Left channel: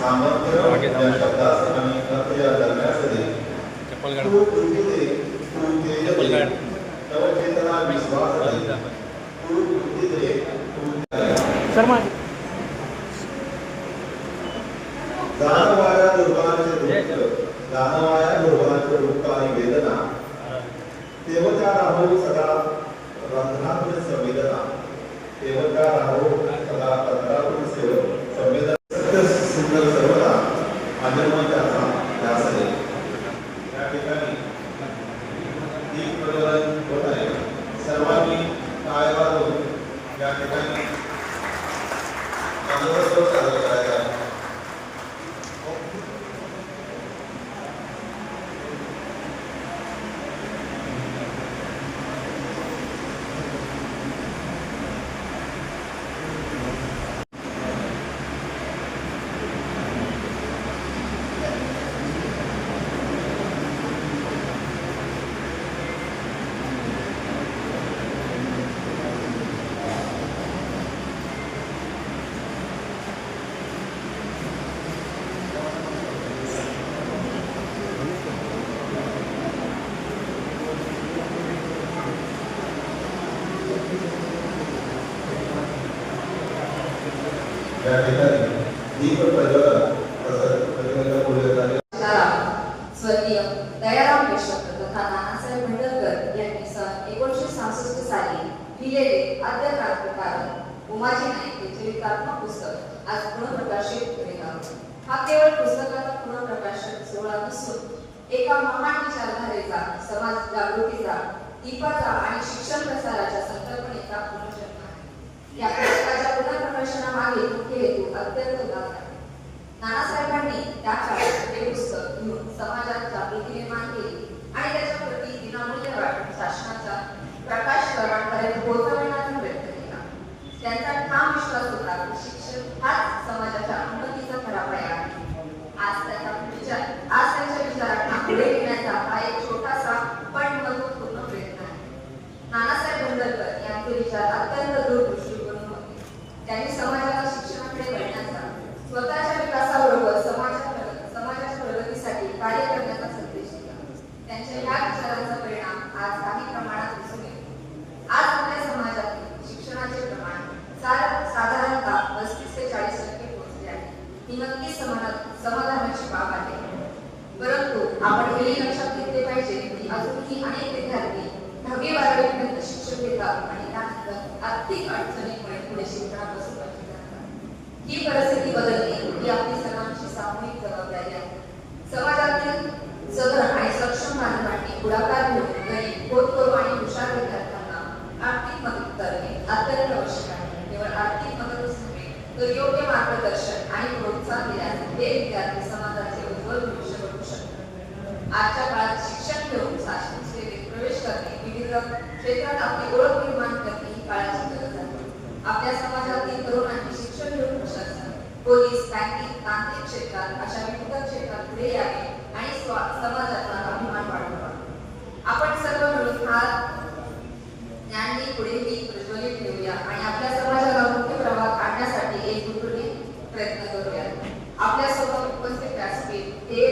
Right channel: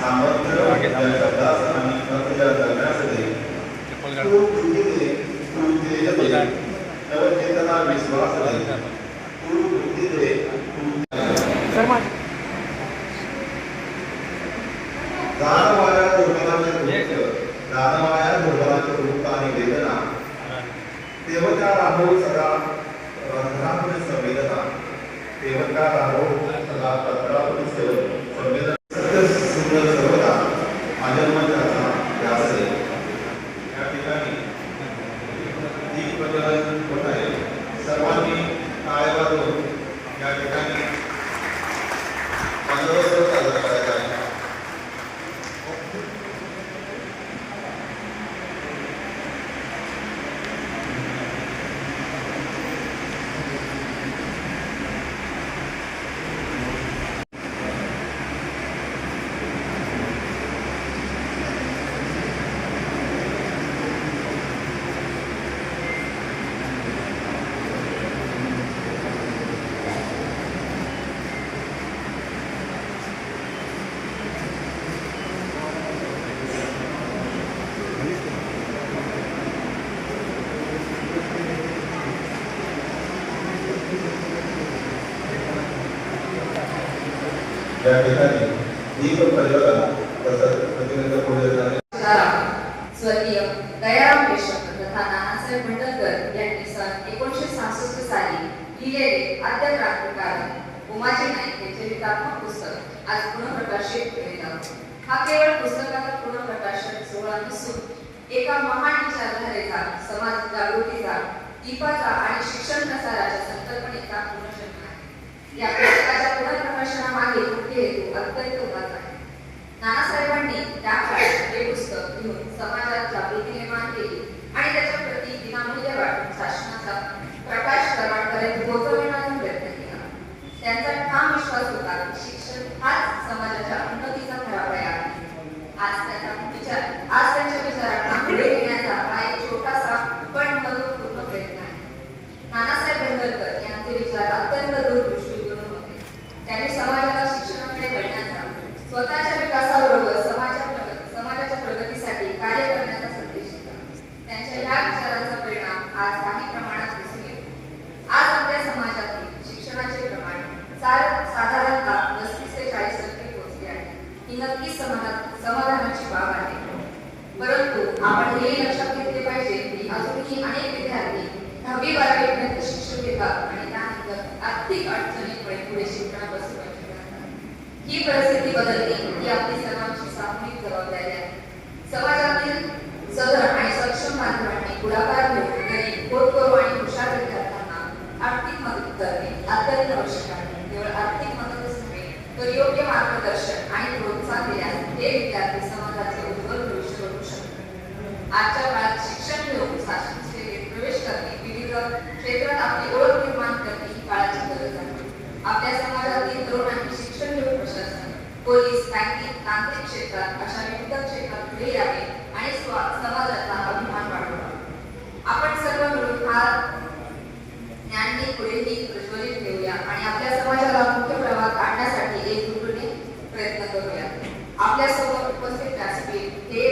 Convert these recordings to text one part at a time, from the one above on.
सामर्थ्य या शब्दास आणि अर्थ या करण्यासाठी तू कृती दे, तू तेज दे, नवचेतना विश्वास दे, तू कृती दे, तू जाणवाया दुर्बलांचे दुःख, जाणवाया दुर्बलांचे दुःख आणि वेदना, तेव्हा राहो सदा रंध्रातून संवेदना, तेव्हा राहो सदा तंत्रातून संवेदना, सत्य सिद्ध सर्वदा अजन्मत्याचा ध्यास दे. या ठिकाणी दीप प्रज्वलन होत आहे. सर्वांनी टाळ्या वाजवून या ठिकाणी बंदोबस्त साजरा करायचा आहे. या ठिकाणी दीप प्रज्वलन तसंच प्रतिनिधी पूजन झाले. स्वर्गीय दयाराम पेशक तथा नानासाहेब भंडरकर यांनी सन 1966 साली लिहिलेले आद्य क्रांतिकारक उमाजी नाईक हे चरित्रात्मक पुस्तक आज पुनःप्रकाशित केले आहे. हा केवळ पुस्तकाचा पुनःप्रकाशन सोहळा नसून एका महान विचारधारेचा, समाज जागृतीचा, दीपाचा आणि शिक्षण प्रसाराच्या संकल्पनेचा पुनर्जन्म आहे. या पुस्तकाच्या पुनर्प्रकाशनामागे मुख्य हेतू अत्यंत उदात्त आहे. नानासाहेबांनी त्या काळात हे पुस्तक लिहून समाजात जागृती निर्माण केली आणि त्याच्या प्रती विनामूल्य वाटून शासनाचा प्रकाश पर्यंत पोहोचविण्याचा प्रयत्न केला. त्यांचा ठाम विश्वास होता की शिक्षण हाच समाजाच्या उन्नतीचा खरा पाया आहे. आज त्यांच्या विचारांना पुढे नेण्याचा हा एक छोटासा पण महत्त्वपूर्ण प्रयत्न आहे. नानासाहेब भंडरकर यांचे विचार अत्यंत दूरदृष्टीकोन होते. त्यांनी समाजाला शिक्षणाकडे वळण्याचा, स्वतःच्या विकासाबरोबर समाजाच्या प्रगतीसाठी कार्य करण्याचा संदेश दिला. त्यांच्या या विचारांचा परिणाम आज काही प्रमाणात दिसून येतो. आज आपल्या समाजातील शिक्षणाचे प्रमाण साधारणतः 35 ते 40% पोहोचले आहे. ही नक्कीच समाधानाची बाब आहे. परंतु आपण हे लक्षात घेतले पाहिजे की अजूनही अनेक विद्यार्थी 10वी 12वी पर्यंत शिक्षण घेतात आणि त्यानंतर आर्थिक अडचणीमुळे पुढे शिक्षणापासून वंचित राहतात. ही परिस्थिती बदलणे ही आपली सर्वांची सामूहिक जबाबदारी आहे. समाजातील सधन आणि सक्षम बांधवांनी पुढाकार घेऊन गरीब, होतकरू आणि हुशार विद्यार्थ्यांना आर्थिक मदत करणे अत्यंत आवश्यक आहे. केवळ आर्थिक मदतच नव्हे तर योग्य मार्गदर्शन आणि प्रोत्साहन दिल्यास हे विद्यार्थी समाजाचे उज्ज्वल भविष्य घडवू शकतात. आजच्या काळात शिक्षण घेऊन शासन सेवेत प्रवेश करणे, विविध क्षेत्रात आपली ओळख निर्माण करणे ही काळाची गरज आहे. आपल्या समाजातील तरुणांनी शिक्षण घेऊन प्रशासन, पोलीस, बँकिंग, तांत्रिक क्षेत्रात अशा विविध क्षेत्रात पुढे यावे आणि समाजाचा अभिमान वाढवावा. आपण सर्व मिळून हा ज्ञानही पुढेही प्रज्वलित ठेवूया आणि आपल्या समाजाला मुख्य प्रवाहात आणण्यासाठी एकजुटीने प्रयत्न करूया. आपल्या समोर उपस्थित व्यासपीठ हे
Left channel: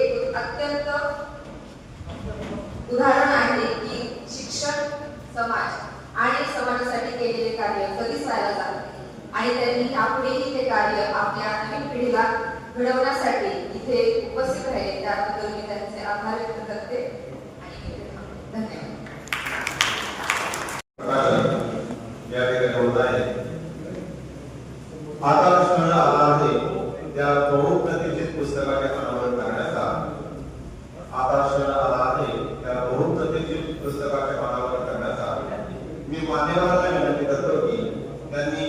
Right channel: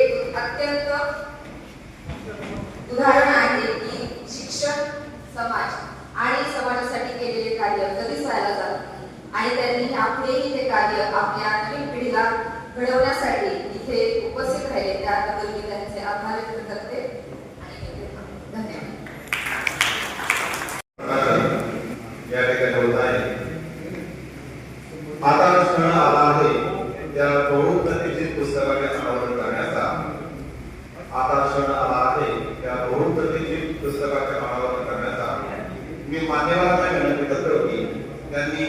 अत्यंत उदाहरण आहे की शिक्षण, समाज आणि समाजासाठी केलेले कार्य कधीच वाया जात नाही आणि त्यांनी यापुढेही ते कार्य आपल्या नवीन पिढीला घडवण्यासाठी इथे उपस्थित राहिले त्याबद्दल मी त्यांचे आभार व्यक्त करते आणि धन्यवाद. या ठिकाणी होत आहे. आता क्षण आला आहे त्या बहुप्रतीक्षित पुस्तकाचे अनावरण करण्याचा. आता क्षण आला आहे त्या बहुप्रतीक्षित पुस्तकाचे अनावरण करण्याचा. मी मान्यवरांना विनंती करतो की त्यांनी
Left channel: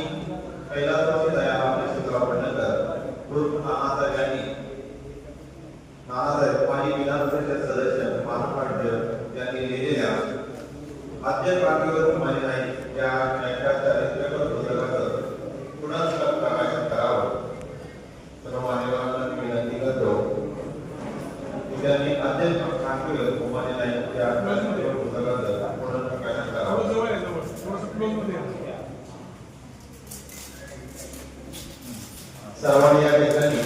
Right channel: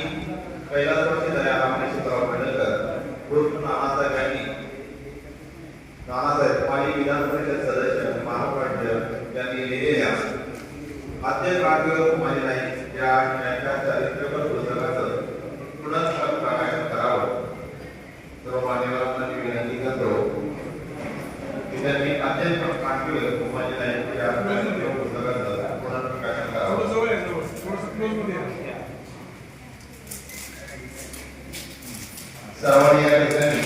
कैलासवासी दयाराम पेशकराव भंडरकर उर्फ नानासाहेब आणि विधान परिषद सदस्य महापाड्य यांनी लिहिलेल्या आद्य क्रांतिकारक उमाजी नाईक या चरित्रपर पुस्तकाचं पुनःप्रकाशन करावं. सर्व मान्यवरांना विनंती करतो की त्यांनी आद्य क्रांतिकारक उमाजी नाईक या पुस्तकाचं पुनःप्रकाशन करावं. सर्वांनी या ठिकाणी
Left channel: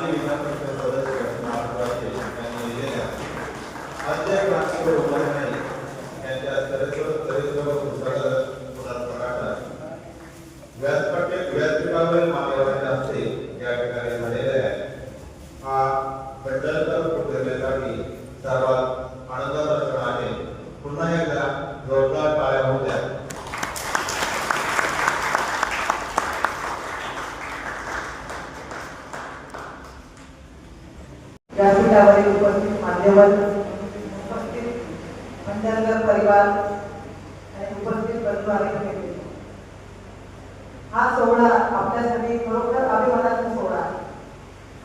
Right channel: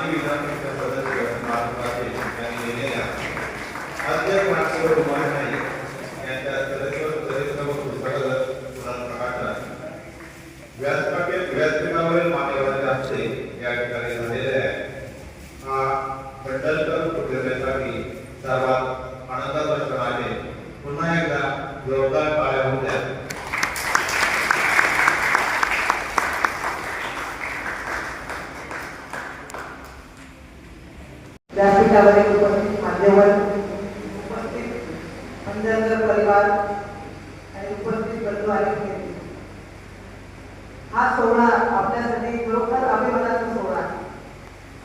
माजी विधान परिषद सदस्य माधव राठे यांनी लिहिलेल्या अध्यक्ष राष्ट्रीय उपाय नाही यांच्या चरित्र व पुस्तकाचं पुनर्प्रकाशन व्यासपीठावरील मान्यवरांच्या हस्ते या ठिकाणी झालेले आहे. हा पेडणेकर प्रतिमेसाठी सर्वात आनंदाचा क्षण आहे. पुन्हा एकदा जोरदार टाळ्या होऊ द्या. व्यासपीठावरील उपस्थित मान्यवर, उपस्थित मंडळकर परिवार आणि उपस्थित बंधू आणि मित्र, हा सोहळा आपल्यासाठी खरोखर अभिमानाचा सोहळा.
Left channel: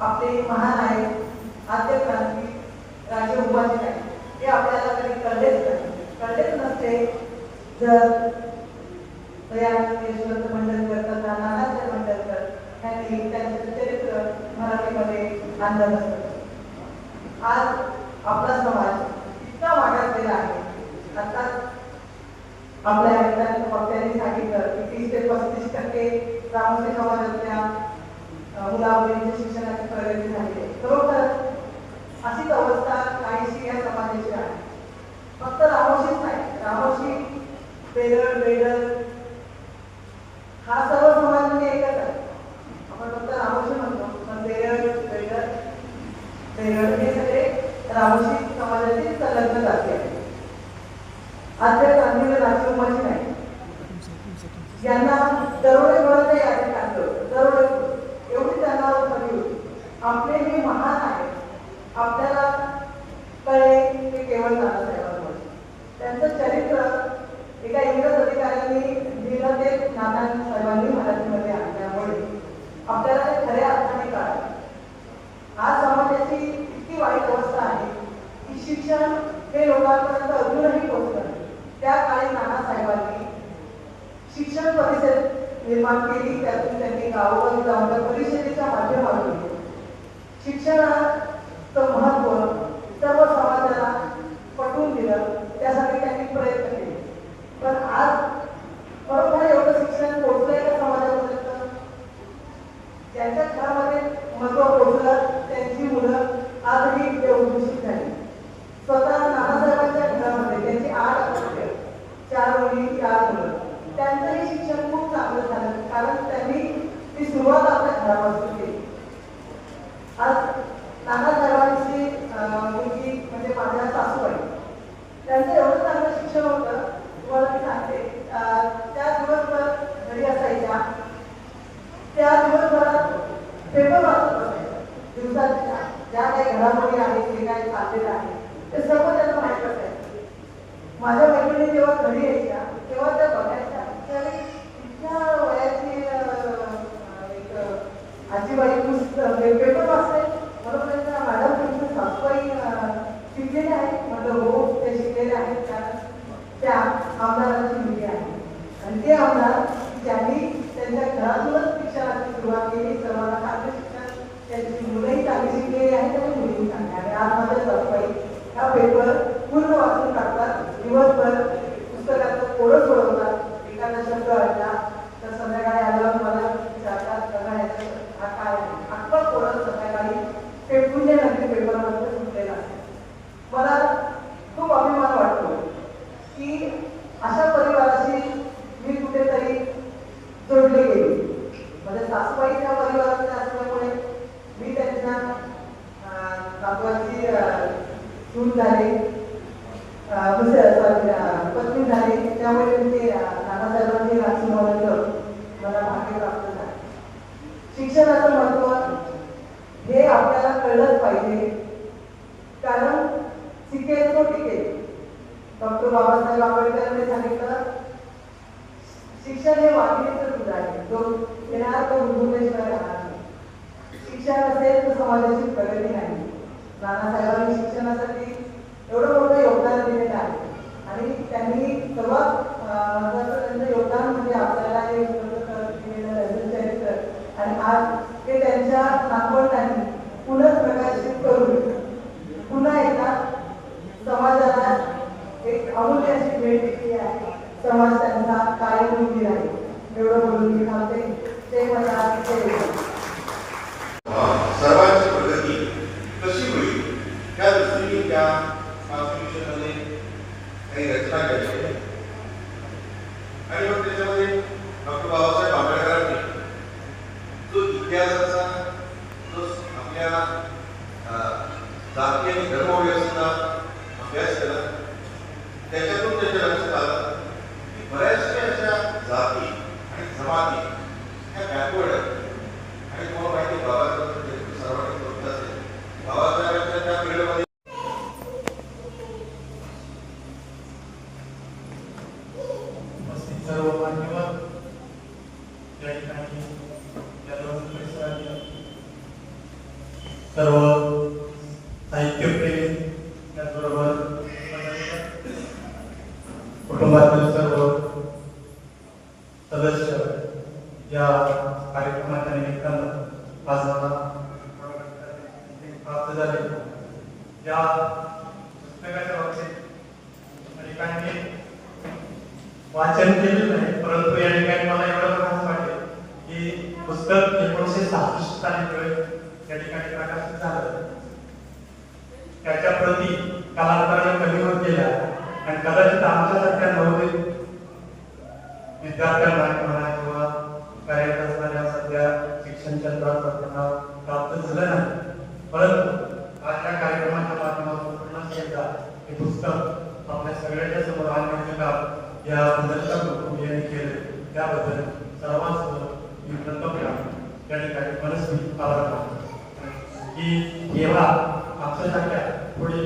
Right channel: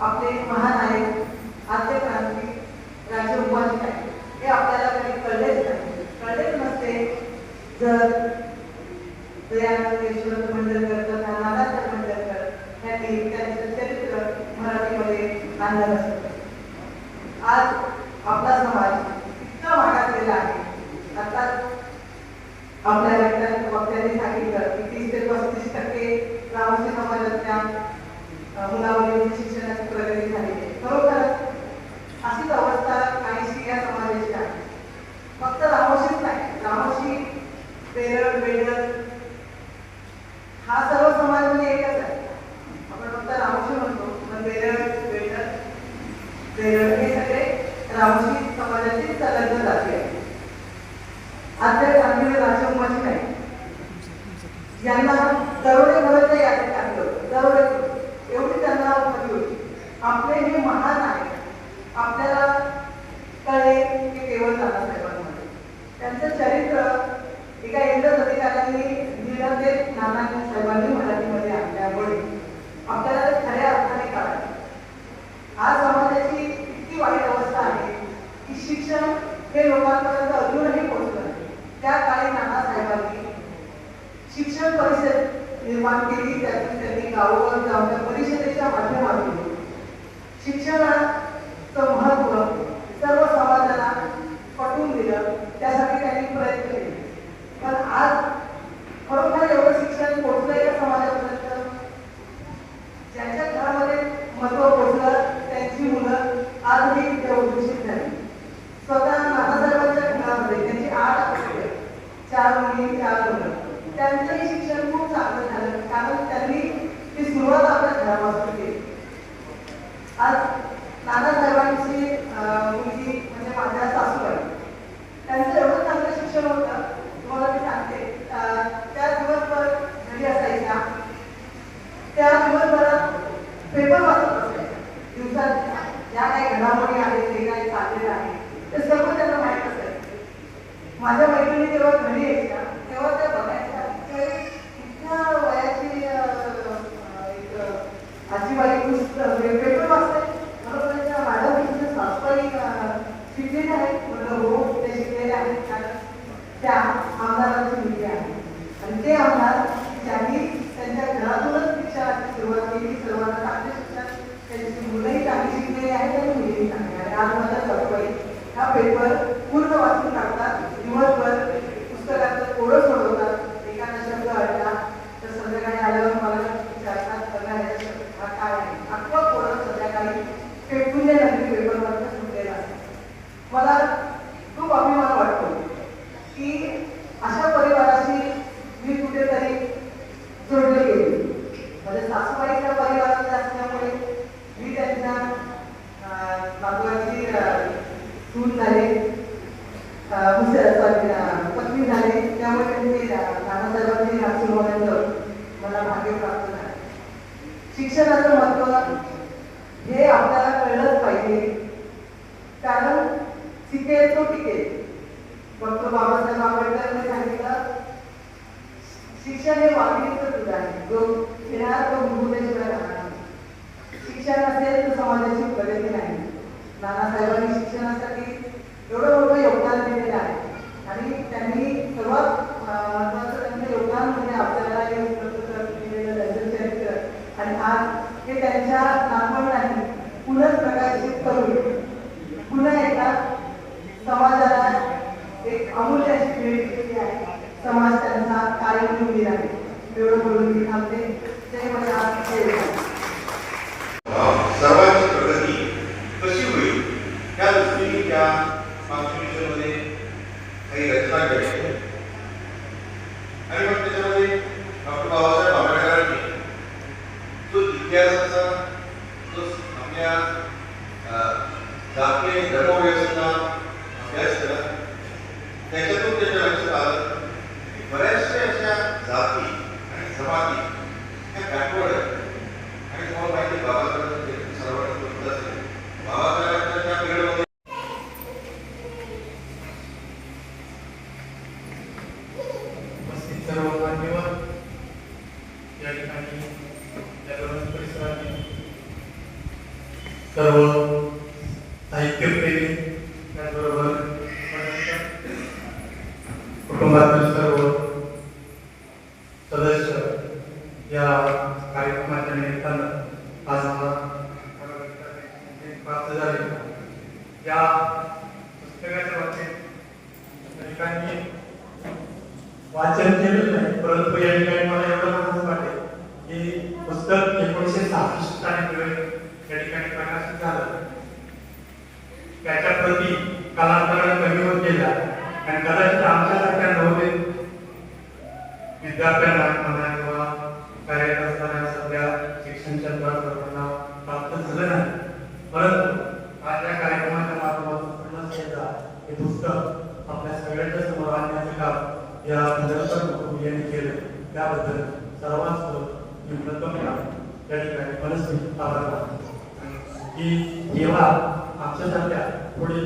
आपले महानायक आद्य क्रांती राजे उपाजी नाईक हे आपल्याला कधी कळलेच नसते जर दयानंद यशवंत मंडळकर तथा नानासाहेब मंडळकर यांनी त्यांचं चरित्र मराठीमध्ये आणलं नसतं. आज आपला समाज इतका मागास गेला आहे. आता आपल्या वक्त्यांनी सांगितलं की 30 ते 35% रामोशी समाजातल्या मुलामुलींची शिक्षणाची प्रगती झाली आहे. खरोखर अशीच अवस्था काहीशी या समाजाची आहे. फक्त रामोशीच नाही, रामोशी, पेरळ, बेडळ हा सर्व समाज म्हणजे एकच आहे. आपण फक्त रामोशी म्हणतो, पण पेरळ, बेडळ हे सगळे रामोशी समाजाची संलग्न जाती आहेत. आद्य क्रांतीवीर राजे उपाजी नाईक यांना दरोडे घराच्या यादीत टाकलं. दरोडे एवढी त्यांना उपाधी होती. आपले हे महान आहे. आपल्याला कळे की केवळ नानासाहेबांमध्ये त्यांचं चरित्र एका इंग्रज अधिकाऱ्यांनी लिहिलं, ते नानासाहेबांनी मराठीमध्ये आणल्यामुळे आपल्याला ते खऱ्या अर्थाने कळाले. आज समाजाची इतकी वाईट अवस्था आहे की शिक्षण हे लोकांपर्यंत अजूनही पोहोचलं नाही. त्या काळी नानासाहेबांनी शिक्षण परिषद निर्माण केली. त्यातून त्यांनी गावोगावी जाऊन त्या परिषदेच्या माध्यमातून शिक्षणाचं महत्त्व सर्व समाजाला पटवून दिलं. त्यासाठी त्यांनी प्रयत्न केले. पण आज खरोखर एवढं शिक्षण पोहोचलं या समाजापर्यंत, ज्यांच्या घरामध्ये महत्त्व पोहोचलं त्यांची मुलं आजही दूषित झाली. स्वतः नानासाहेबांच्या घरामध्ये त्यांची 8 अपत्य, 4 मुली, 4 मुलं, त्यांचंही शिक्षण खूप चांगलं झालं, कारण त्यांनी ती सुरुवात आपल्या घरापासून केली. आज नानासाहेबांची मुलगी म्हणजे माझ्या सासूबाई, त्यांचं एवढं चांगलं शिक्षण होतं, तुम्हाला मी सांगते. त्या दिवसभर घरी असायच्या, त्या दिवसभरात पेपर वाचत असायच्या. दिवसात ज्या काही घडामोडी आहेत, जे काही चाललेलं आहे ते सर्व त्यांना माहीत असायचं. माझ्या मैत्रिणी जेव्हा घरी यायच्या तेव्हा त्या बघायच्या इतक्या वयाची आजीबाई पेपर वाचते. बरोबर मॅडम तुमच्या सासूबाई शिकलेले आहेत? म्हटलं हो, ते शिकलेले आहेत, कारण त्या आमदारांची मुलगी आहे. आणि ते आमदार ज्यांनी त्यांच्या घरातूनच शिक्षणाची सुरुवात केली. सर्वांना चांगले शिक्षण, त्यांची मुलंही चांगली शिकलेली आहेत, त्यांनी मुलीही चांगली. आणि आज माझ्या सासूबाई हा पेपर पूर्ण वाचून टाकतात. दिवसभर पुस्तकाचं थोडं सोडवतात. एखादा शब्द ऐकला तर संध्याकाळी आल्यावर मला विचारतात, बघा हा काय आहे. अख्खा थोडं संध्याकाळी पेपरनंतर पेपरवरचं सुटलेलं असतं. मला खूप अभिमान वाटतो की अशा परिवाराशी मी कुठेतरी जोडले गेले. माझ्या सासूबाईच्या परिवारातल्या असल्यामुळे मी त्यांच्या बापाची सून झाले, पत्नी झाले. त्यामुळे ते नानासाहेबांची राखी होण्याचं मला भाग्य प्राप्त झालं. शिक्षणाचं महत्त्व हे आपल्याला कळलंच पाहिजे, कारण शिकेल तो टिकेल. डॉक्टर बाबासाहेब आंबेडकरांनी सांगितलं, शिक्षण हे वाघिणीचं दूध आहे, जो येणार तो गुरुतेशिवाय राहणार नाही. शिक्षण असेल तर समाजाची प्रगती नाही. नानासाहेबांनी शिक्षणासाठी एवढं मोठं योगदान दिलेलं आहे. आणि त्यांनी सर्वात महत्त्वाचं त्यांचं योगदान म्हणजे आपल्याला हे उपलब्ध करून दिलेलं त्यांचं चरित्र. आणि आज ते त्यांच्या नातवंडांनी पुनर्प्रकाशित करून पुन्हा एकदा समाजाला एक अमूल्य अशी भेट दिली आहे. समाज त्यांचा कायम निवडील आहे. एवढं बोलून मी थांबते. ते मला आज सर्वांची आपल्या जाती आणि धर्मव्यवस्थेचा अभ्यास केला. त्याच्यातून त्याच्या लक्षात आलं की बऱ्याचशा अशा जाती आणि जमाती ह्या बॅकवर्ड आहेत. आणि तुम्हाला माहिती आहे बाबासाहेब सर्वांनी बघत असेल बाबासाहेबांच्या त्या पिरियडमध्ये सर्व मान्यवर या ठिकाणी या दोन परिसरातील सर्व साहित्यप्रेमी त्याचबरोबर कुटुंबातील सर्व सदस्य या कार्यक्रमाच्या निमित्तानं आज मला प्राप्त झाले. या पुस्तकाच्या बाबतीत अनेकांनी वाचन केलेलं नाही, परंतु या ठिकाणी मला एवढं महत्त्व वाटते की पुस्तक 1966 साली या ठिकाणी प्रकाशित झालं. त्याच्या प्रती कालांतराने कमी होत गेल्या आणि कदाचित आमच्यासारख्या नवोदित विद्यार्थ्यांना म्हणा किंवा कार्यरत असणाऱ्या सध्या शिक्षण क्षेत्रात लोकांना प्राप्त झालं नाही. परंतु आज या कार्यक्रमाच्या माध्यमातून पुन्हा एकदा हे पुस्तक आपल्या सगळ्यांच्या समोर आणण्याचे काम या पंधरशा कुटुंब यांनी केले. त्याबद्दल सर्वांचं मी प्रथम त्या ठिकाणी मनस्वी आभार मानतो की जेव्हा आमच्यासारख्या पुढे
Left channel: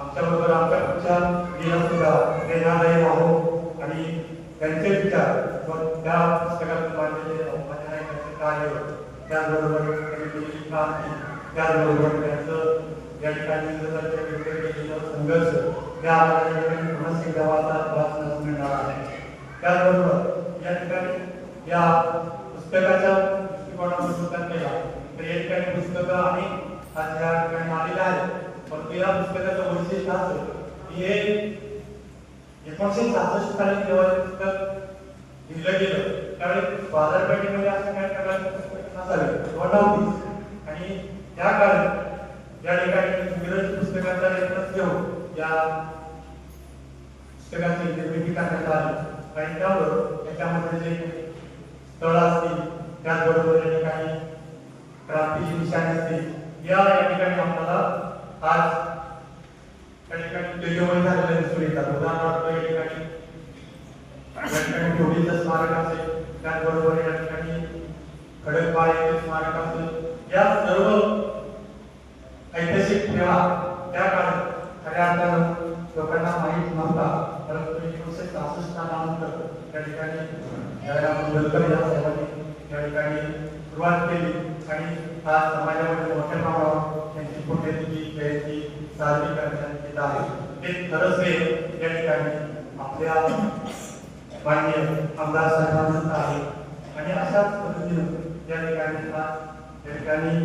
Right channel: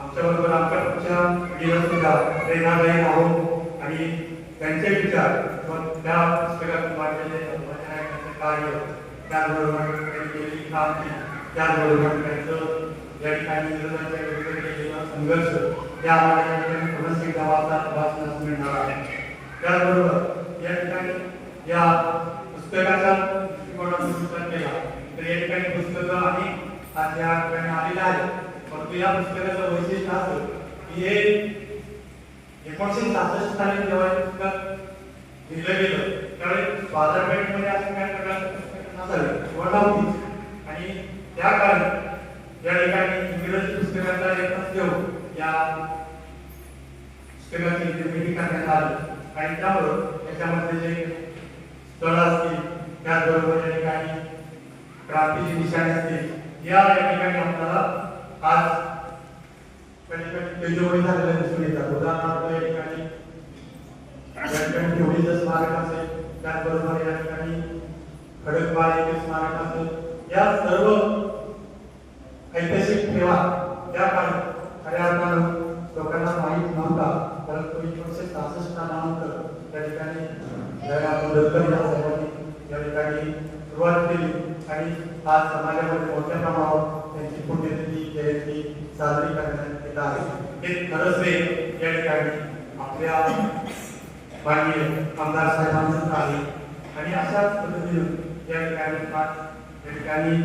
आमच्याबरोबर आमच्या पुढच्या पिढीला सुद्धा प्रेरणादायी आहोत आणि त्यांचे विचार व त्या पुस्तकातून मांडलेले कार्य त्याचबरोबर त्यांनी केलेली क्रांती त्याचबरोबर त्यांचं या ठिकाणी विरोधाच्या विरुद्ध केलेला संघर्ष या आम्हाला पुन्हा एकदा वाचनास मिळणार आहे. त्याचबरोबर या ठिकाणी या पुस्तकाच्या दृष्टिकोनातून विचार केला तर या ठिकाणी पुस्तकं आणि आज या ठिकाणी आलेले आहेत. परंतु या पुस्तकाचं वैशिष्ट्य असं की हे 1966 साली जेव्हा हे पुस्तक लिहिलं गेलं त्यावेळी बाजारपेठेमध्ये असं काही प्रकारचं पुस्तक नसावे किंवा नव्हतीच आणि त्या काळी या ठिकाणी इंग्रजी पुस्तकाचा रेफरन्स घेऊन या पुस्तकाची निर्मिती करण्यात आली आणि त्यामुळं त्याच्यामध्ये जे स्थळ असतील त्याचबरोबर या ठिकाणी क्रांतीची निशाणी असतील या ठिकाणी आम्हाला आज त्या ठिकाणी तेजोमय झालेलं दिसून येतात. उदाहरणार्थ या ठिकाणी ठोडीचं स्मारक असेल त्याचबरोबर या ठिकाणी खडकवाळ येथील स्मारक असेल या सर्व ऐतिहासिक ठेवा त्या काळात खऱ्या अर्थानं लोकांना माहीत नव्हता. परंतु 1966 नंतर त्या ठिकाणी जयराम मुंडकर या साहेबांनी या ठिकाणी सुरुवात केली आणि आज समाजामध्ये मोठ्या प्रमाणावर त्यांची पुण्यतिथी जयंती साजरी करण्यात येत आहे. हे खरंच या ठिकाणी आपल्या माननीय आमदार साहेबांचं आहे आणि अशाच पद्धतीनं या ठिकाणी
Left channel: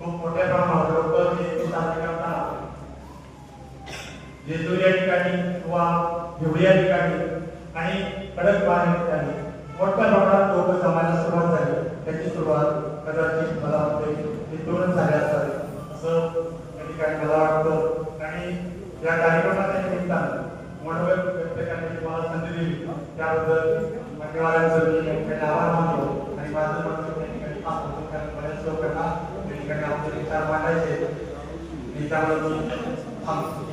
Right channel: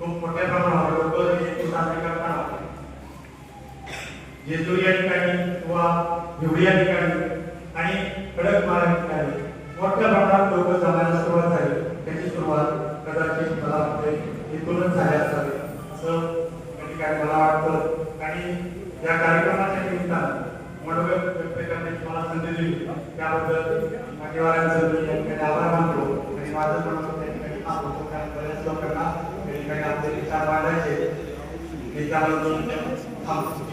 खूप मोठ्या प्रमाणावर लोक हे साजरे करताना जेजूर या ठिकाणी किंवा भिवडी या ठिकाणी आणि खडकवाळ या ठिकाणी मोठ्या प्रमाणात लोक जमायला सुरुवात झाली. त्याची सुरुवात कदाचित मला वाटते इथूनच झाली असावी असं या ठिकाणी मला वाटतं आणि या कार्यक्रमाच्या निमित्तानं मनोगत व्यक्त करण्याची मला संधी दिली त्याबद्दल मान्यवरांचं मी या ठिकाणी आभार मानतो आणि माझं म्हणणं या ठिकाणी थांबवतो कारण बऱ्याच लोकांना या ठिकाणी आपले विचार मांडायचे त्याबद्दल थांबतो.